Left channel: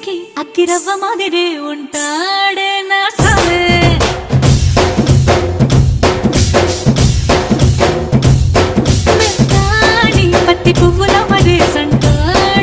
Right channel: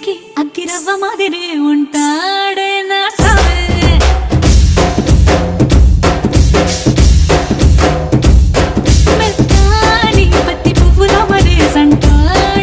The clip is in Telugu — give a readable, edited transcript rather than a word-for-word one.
ఇంటికి అగ్గిరవ్వ మాదిరే ఉంటాడే నా సావే. మెత్తాని పత్తి పువ్వుల మరే సంటాడే